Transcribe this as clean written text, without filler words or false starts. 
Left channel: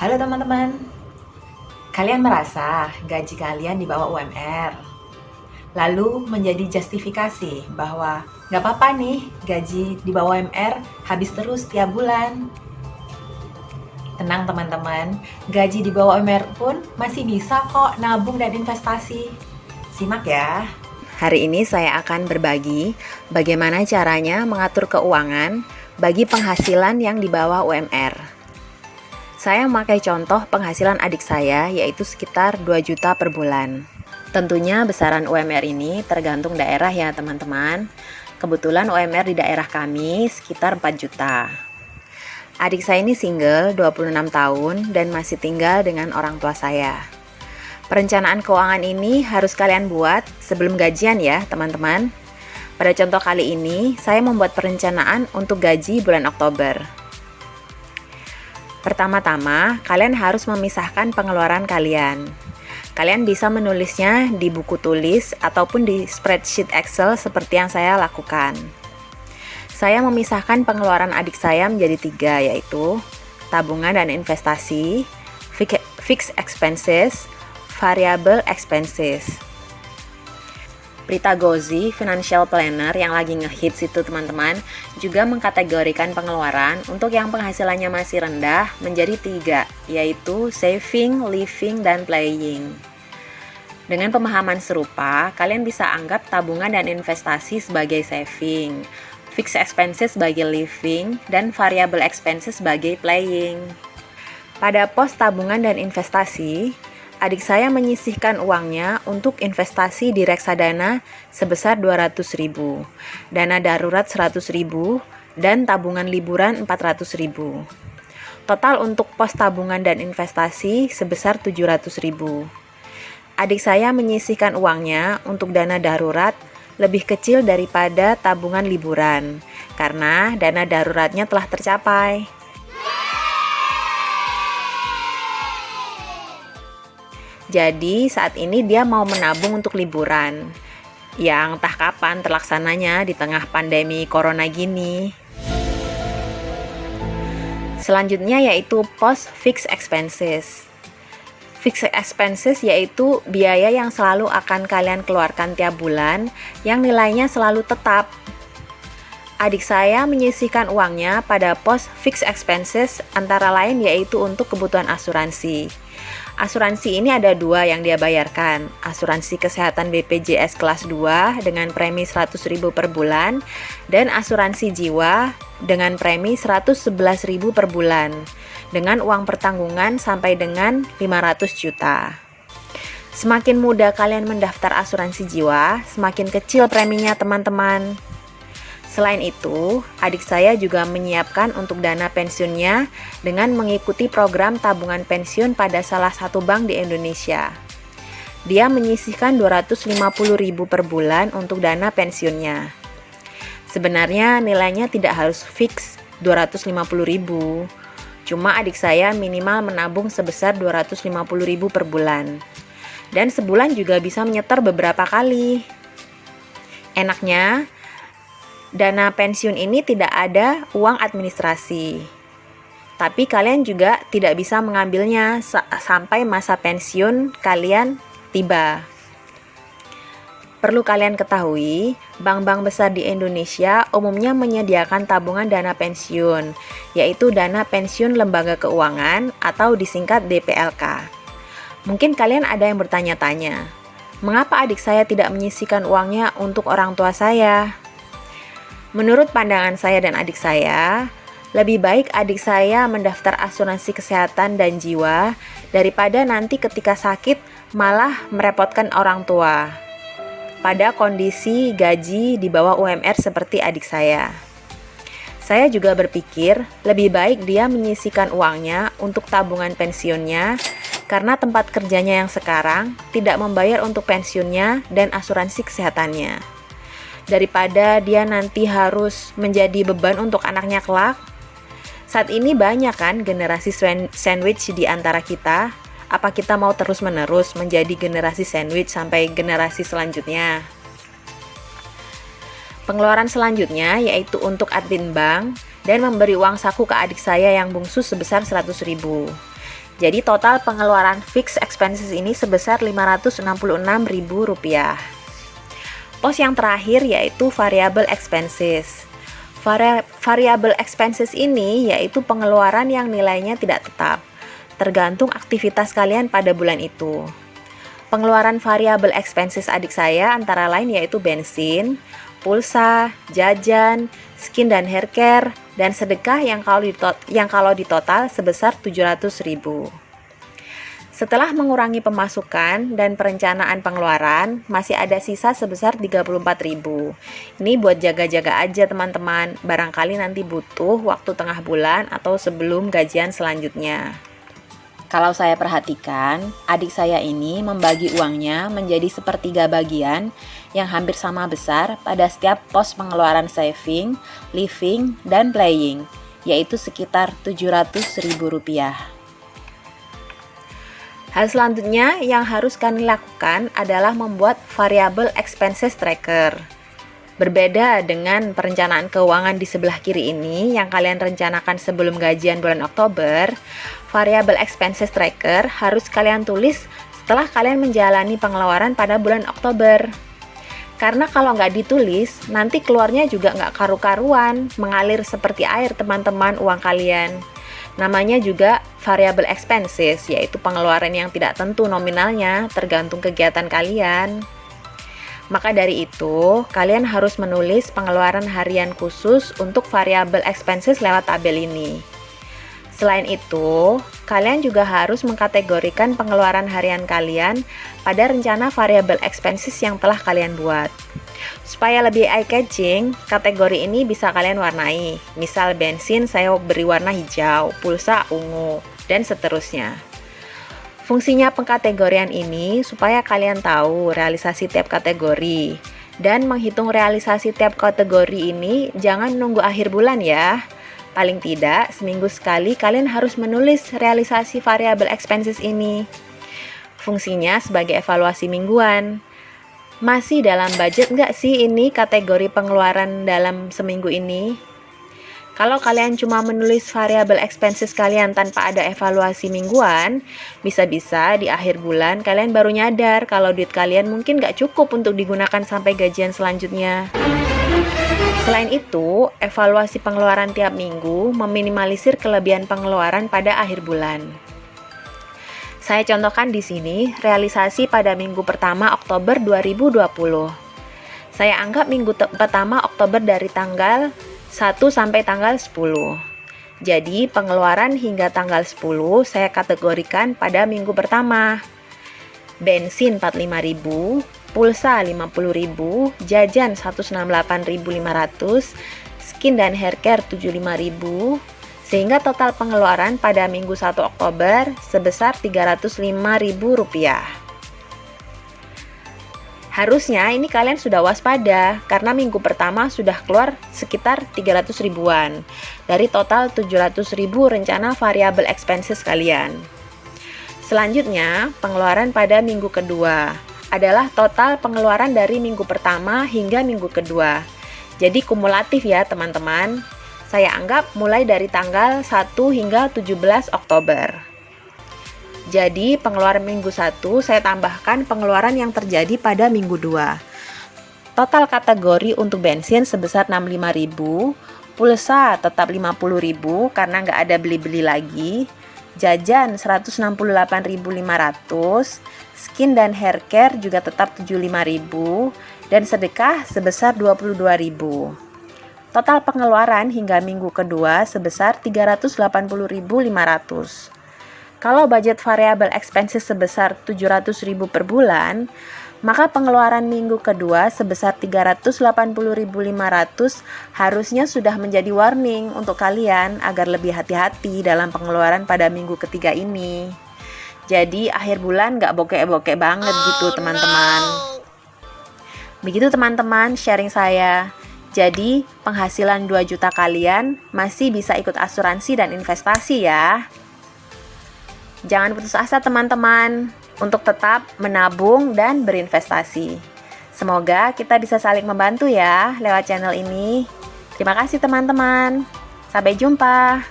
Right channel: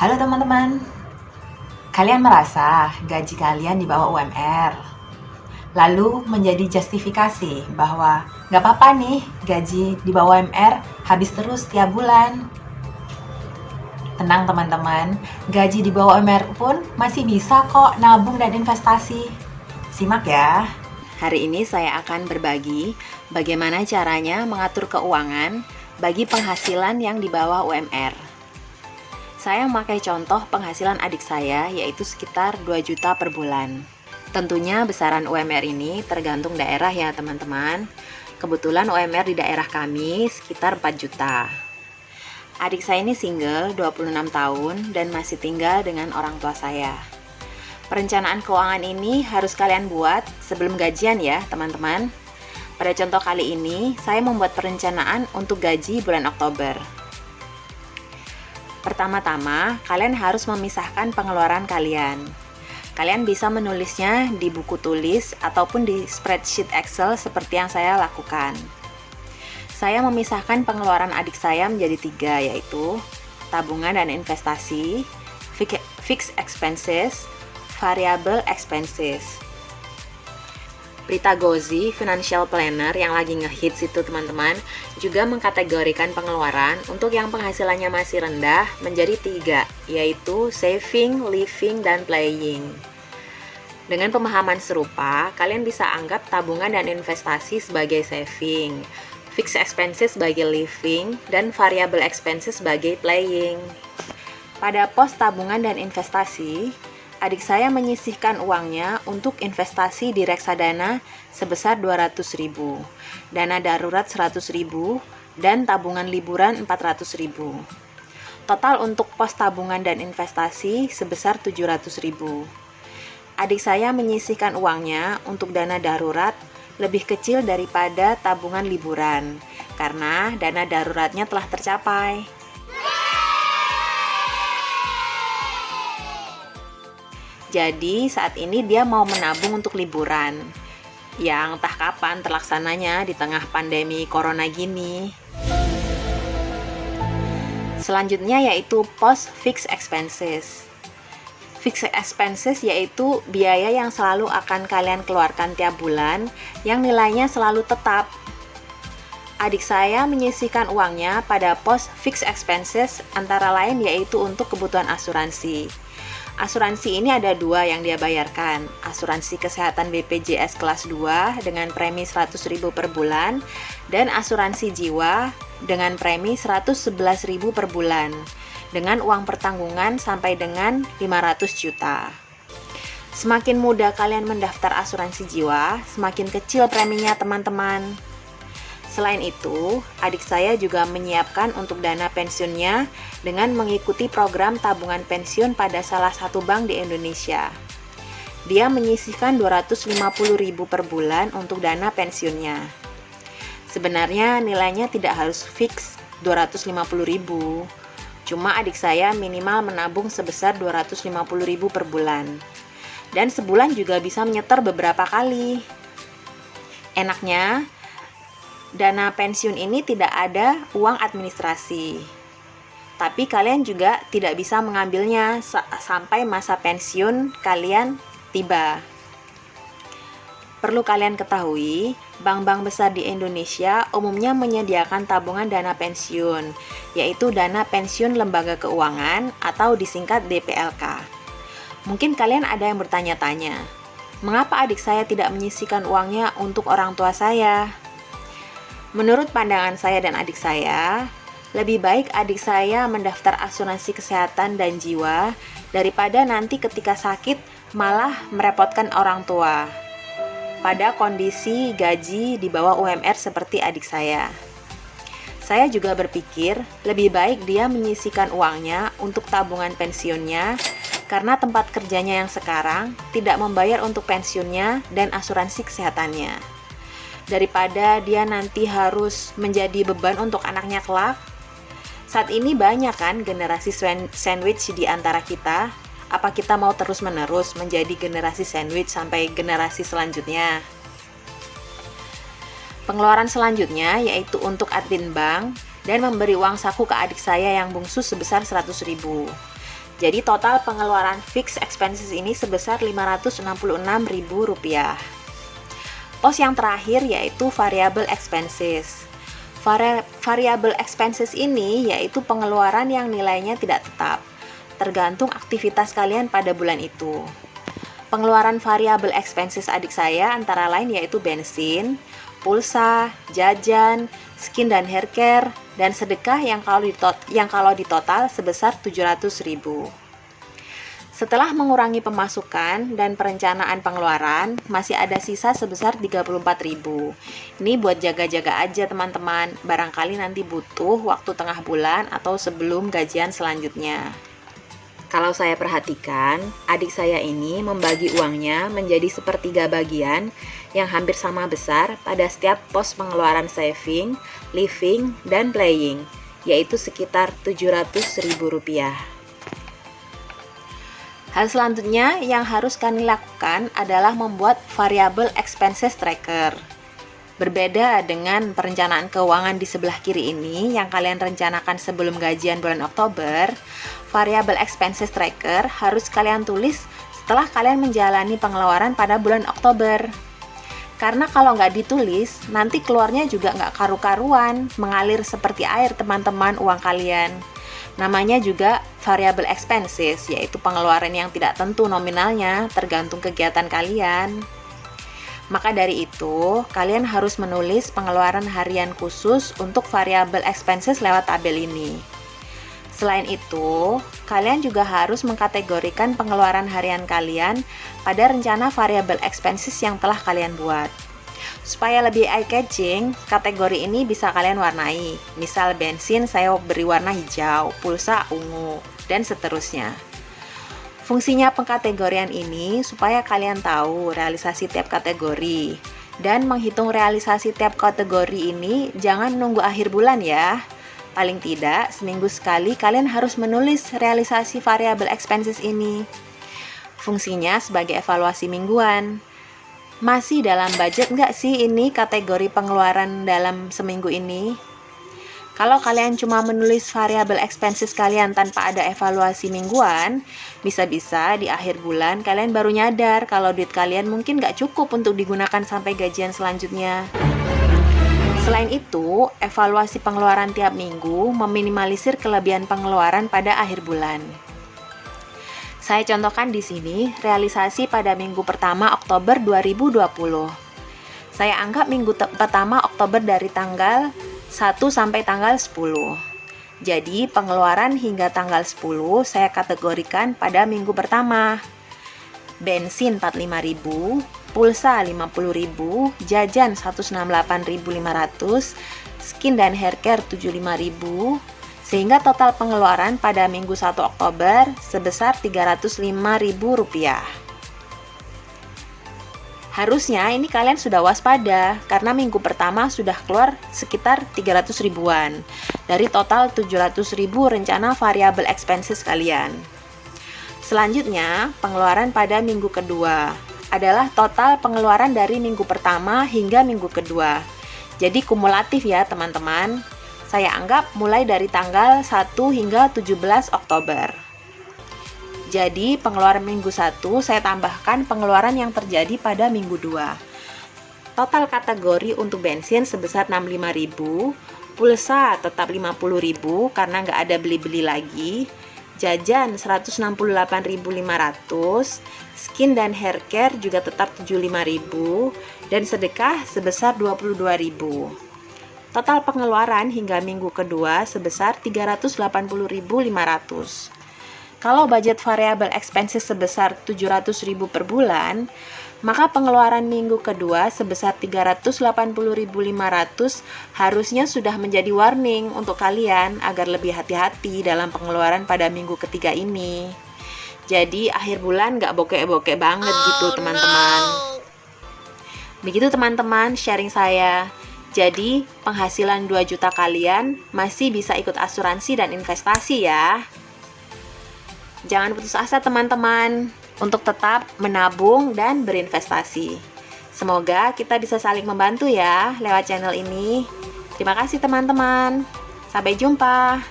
Halo teman-teman, kalian merasa gaji kalian di bawah UMR? Lalu menjadi justifikasi bahwa nggak apa-apa nih gaji di bawah UMR habis terus tiap bulan. Tenang teman-teman, gaji di bawah UMR pun masih bisa kok nabung dan investasi. Simak ya. Hari ini saya akan berbagi bagaimana caranya mengatur keuangan bagi penghasilan yang di bawah UMR. Saya memakai contoh penghasilan adik saya yaitu sekitar 2 juta per bulan. Tentunya besaran UMR ini tergantung daerah ya teman-teman. Kebetulan UMR di daerah kami sekitar 4 juta. Adik saya ini single, 26 tahun dan masih tinggal dengan orang tua saya. Perencanaan keuangan ini harus kalian buat sebelum gajian ya teman-teman. Pada contoh kali ini, saya membuat perencanaan untuk gaji bulan Oktober. Pertama-tama, kalian harus memisahkan pengeluaran kalian. Kalian bisa menulisnya di buku tulis ataupun di spreadsheet Excel seperti yang saya lakukan. Saya memisahkan pengeluaran adik saya menjadi 3, yaitu tabungan dan investasi, fixed expenses, variable expenses. Prita Gozi, financial planner yang lagi ngehits itu teman-teman, juga mengkategorikan pengeluaran untuk yang penghasilannya masih rendah menjadi 3, yaitu saving, living, dan playing. Dengan pemahaman serupa, kalian bisa anggap tabungan dan investasi sebagai saving, fixed expenses sebagai living, dan variable expenses sebagai playing. Pada pos tabungan dan investasi, adik saya menyisihkan uangnya untuk investasi di reksadana sebesar 200.000, dana darurat 100.000, dan tabungan liburan 400.000. Total untuk pos tabungan dan investasi sebesar 700.000. Adik saya menyisihkan uangnya untuk dana darurat lebih kecil daripada tabungan liburan, karena dana daruratnya telah tercapai. Jadi saat ini dia mau menabung untuk liburan yang entah kapan terlaksananya di tengah pandemi corona gini. Selanjutnya yaitu pos fixed expenses. Fixed expenses yaitu biaya yang selalu akan kalian keluarkan tiap bulan yang nilainya selalu tetap. Adik saya menyisihkan uangnya pada pos fixed expenses antara lain yaitu untuk kebutuhan asuransi. Asuransi ini ada 2 yang dia bayarkan, asuransi kesehatan BPJS kelas 2 dengan premi 100.000 per bulan, dan asuransi jiwa dengan premi 111.000 per bulan, dengan uang pertanggungan sampai dengan 500 juta. Semakin mudah kalian mendaftar asuransi jiwa, semakin kecil preminya teman-teman. Selain itu, adik saya juga menyiapkan untuk dana pensiunnya dengan mengikuti program tabungan pensiun pada salah satu bank di Indonesia. Dia menyisihkan 250.000 per bulan untuk dana pensiunnya. Sebenarnya nilainya tidak harus fix 250.000. Cuma adik saya minimal menabung sebesar 250.000 per bulan. Dan sebulan juga bisa menyetor beberapa kali. Enaknya, dana pensiun ini tidak ada uang administrasi. Tapi kalian juga tidak bisa mengambilnya sampai masa pensiun kalian tiba. Perlu kalian ketahui, bank-bank besar di Indonesia umumnya menyediakan tabungan dana pensiun, yaitu dana pensiun lembaga keuangan atau disingkat DPLK. Mungkin kalian ada yang bertanya-tanya, mengapa adik saya tidak menyisihkan uangnya untuk orang tua saya? Menurut pandangan saya dan adik saya, lebih baik adik saya mendaftar asuransi kesehatan dan jiwa daripada nanti ketika sakit malah merepotkan orang tua pada kondisi gaji di bawah UMR seperti adik saya. Saya juga berpikir lebih baik dia menyisihkan uangnya untuk tabungan pensiunnya karena tempat kerjanya yang sekarang tidak membayar untuk pensiunnya dan asuransi kesehatannya. Daripada dia nanti harus menjadi beban untuk anaknya kelak. Saat ini banyak kan generasi sandwich di antara kita. Apa kita mau terus-menerus menjadi generasi sandwich sampai generasi selanjutnya? Pengeluaran selanjutnya yaitu untuk admin bank dan memberi uang saku ke adik saya yang bungsu sebesar 100.000. Jadi total pengeluaran fixed expenses ini sebesar Rp566.000. Pos yang terakhir yaitu variable expenses. Variable expenses ini yaitu pengeluaran yang nilainya tidak tetap, tergantung aktivitas kalian pada bulan itu. Pengeluaran variable expenses adik saya antara lain yaitu bensin, pulsa, jajan, skin dan hair care, dan sedekah yang kalau di total sebesar 700.000. Setelah mengurangi pemasukan dan perencanaan pengeluaran, masih ada sisa sebesar 34.000. Ini buat jaga-jaga aja teman-teman, barangkali nanti butuh waktu tengah bulan atau sebelum gajian selanjutnya. Kalau saya perhatikan, adik saya ini membagi uangnya menjadi sepertiga bagian yang hampir sama besar pada setiap pos pengeluaran saving, living, dan playing, yaitu sekitar Rp700.000. Hal selanjutnya yang harus kalian lakukan adalah membuat variable expenses tracker. Berbeda dengan perencanaan keuangan di sebelah kiri ini yang kalian rencanakan sebelum gajian bulan Oktober, variable expenses tracker harus kalian tulis setelah kalian menjalani pengeluaran pada bulan Oktober. Karena kalau nggak ditulis, nanti keluarnya juga nggak karu-karuan, mengalir seperti air teman-teman uang kalian. Namanya juga variable expenses, yaitu pengeluaran yang tidak tentu nominalnya, tergantung kegiatan kalian. Maka dari itu, kalian harus menulis pengeluaran harian khusus untuk variable expenses lewat tabel ini. Selain itu, kalian juga harus mengkategorikan pengeluaran harian kalian pada rencana variable expenses yang telah kalian buat. Supaya lebih eye-catching, kategori ini bisa kalian warnai. Misal bensin saya beri warna hijau, pulsa ungu, dan seterusnya. Fungsinya pengkategorian ini supaya kalian tahu realisasi tiap kategori. Dan menghitung realisasi tiap kategori ini jangan nunggu akhir bulan ya. Paling tidak, seminggu sekali kalian harus menulis realisasi variable expenses ini. Fungsinya sebagai evaluasi mingguan. Masih dalam budget nggak sih ini kategori pengeluaran dalam seminggu ini? Kalau kalian cuma menulis variable expenses kalian tanpa ada evaluasi mingguan, bisa-bisa di akhir bulan kalian baru nyadar kalau duit kalian mungkin nggak cukup untuk digunakan sampai gajian selanjutnya. Selain itu, evaluasi pengeluaran tiap minggu meminimalisir kelebihan pengeluaran pada akhir bulan. Saya contohkan di sini realisasi pada minggu pertama Oktober 2020. Saya anggap minggu pertama Oktober dari tanggal 1 sampai tanggal 10. Jadi, pengeluaran hingga tanggal 10 saya kategorikan pada minggu pertama. Bensin 45.000, pulsa 50.000, jajan 168.500, skin dan hair care 75.000, sehingga total pengeluaran pada minggu 1 Oktober sebesar Rp305.000. Harusnya ini kalian sudah waspada karena minggu pertama sudah keluar sekitar 300 ribuan dari total 700.000 rencana variable expenses kalian. Selanjutnya, pengeluaran pada minggu kedua adalah total pengeluaran dari minggu pertama hingga minggu kedua. Jadi kumulatif ya teman-teman. Saya anggap mulai dari tanggal 1 hingga 17 Oktober. Jadi pengeluaran minggu 1 saya tambahkan pengeluaran yang terjadi pada minggu 2. Total kategori untuk bensin sebesar 65.000, pulsa tetap 50.000 karena nggak ada beli-beli lagi. Jajan 168.500, skin dan hair care juga tetap 75.000, dan sedekah sebesar 22.000. Total pengeluaran hingga minggu kedua sebesar 380.500. Kalau budget variable expenses sebesar 700.000 per bulan, maka pengeluaran minggu kedua sebesar 380.500 harusnya sudah menjadi warning untuk kalian agar lebih hati-hati dalam pengeluaran pada minggu ketiga ini. Jadi akhir bulan nggak bokek-bokek banget gitu teman-teman. Begitu teman-teman sharing saya. Jadi penghasilan 2 juta kalian masih bisa ikut asuransi dan investasi ya. Jangan putus asa teman-teman untuk tetap menabung dan berinvestasi. Semoga kita bisa saling membantu ya lewat channel ini. Terima kasih teman-teman. Sampai jumpa.